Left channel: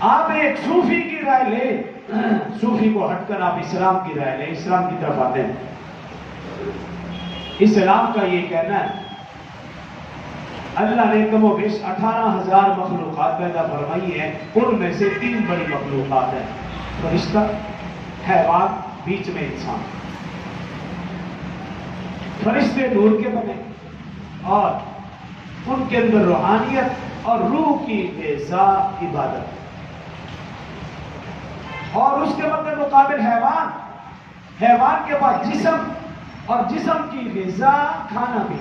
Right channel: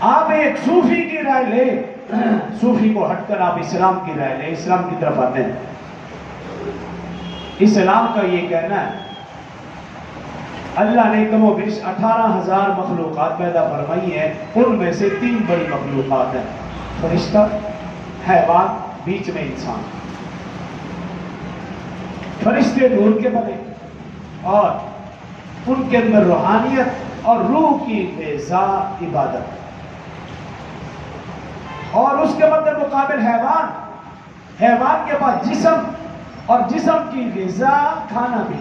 آپ ایک صوفی کی رائے لے، صوفی کو ہٹ کر آپ اسلام کی رائے لیں، اسلام کی طرف آتے ہیں۔ اسلام کا یہ کہنا ہے اللہ نے کم و بیش 18,000 مخلوقات پیدا فرمائی ہیں، ان میں سے 3 بڑی مخلوقات ہیں، فرشتہ، حیوان، بیچ میں انسان۔ فرشتے نور کے بنے اور ان کے اندر روحانیت اور روح کی غذا عبادت، اور اس کے مد مقابل حیوان کے پاس جسم اور جسم کی غذا کھانا بھی،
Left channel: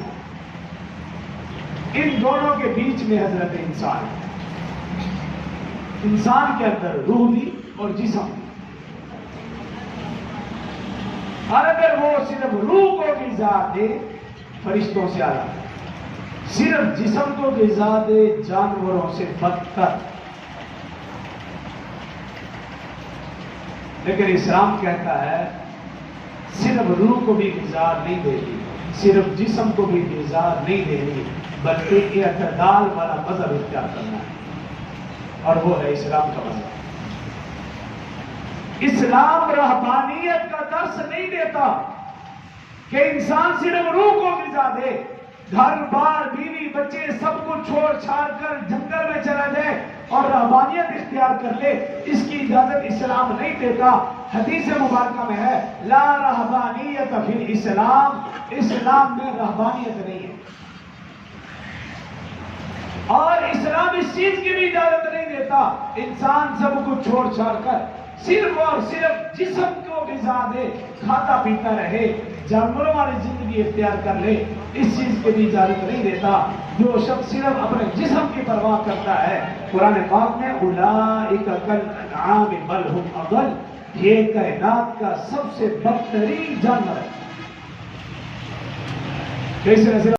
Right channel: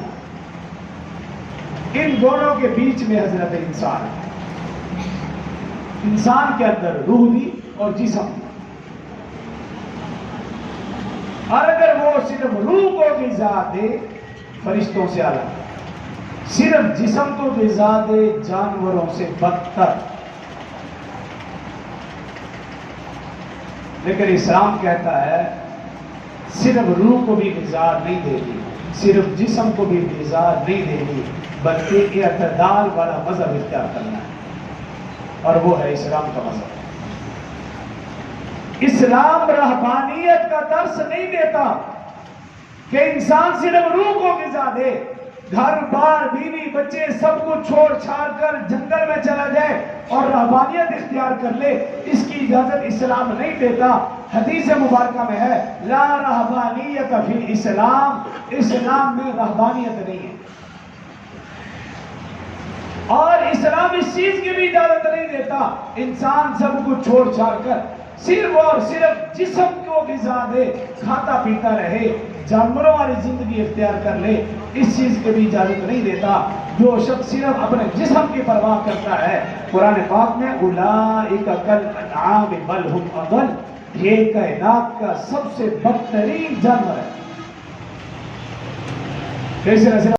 ان دونوں کے بیچ میں حضرت انسان ہے۔ انسان کے اندر روح بھی اور جسم بھی، اور اگر وہ صرف روح کو غذا دے فرشتوں سے اعلیٰ، صرف جسم کو غذا دے جانوروں سے بدتر۔ لیکن اسلام کہتا ہے صرف روح کو بھی غذا نہیں دینی، صرف جسم کو بھی غذا نہیں دینی، بلکہ اعتدال والا مذہب اختیار کرنا ہے، اور وہ ہے اسلام کا مذہب۔ اسلام رہبانیت کا درس نہیں دیتا کہ انسان صرف روح کو غذا دے، گھر بار بیوی بچے سب کو چھوڑ چھاڑ کر جنگل میں چلا جائے اور رہبانیت اختیار کر لے، اس کی اجازت اسلام نہیں دیتا۔ حدیث مبارکہ میں ہے لا رہبانیت فی الاسلام، اسلام میں رہبانیت نہیں ہے، اور اسلام اس چیز کی بھی اجازت نہیں دیتا انسان سب کو چھوڑ چھاڑ کر صرف اور صرف جسم کو غذا دے، کھاتا پیتا رہے، جانوروں والی زندگی اختیار کر لے، اس چیز کی بھی اجازت نہیں دیتا۔ جو شخص صرف اپنے جسم کی پرواہ کرتا ہے، قرآن پاک میں اولئک کالانعام بل ھم اضل، یہ کائنات کا سب سے بدترین جانور ہے۔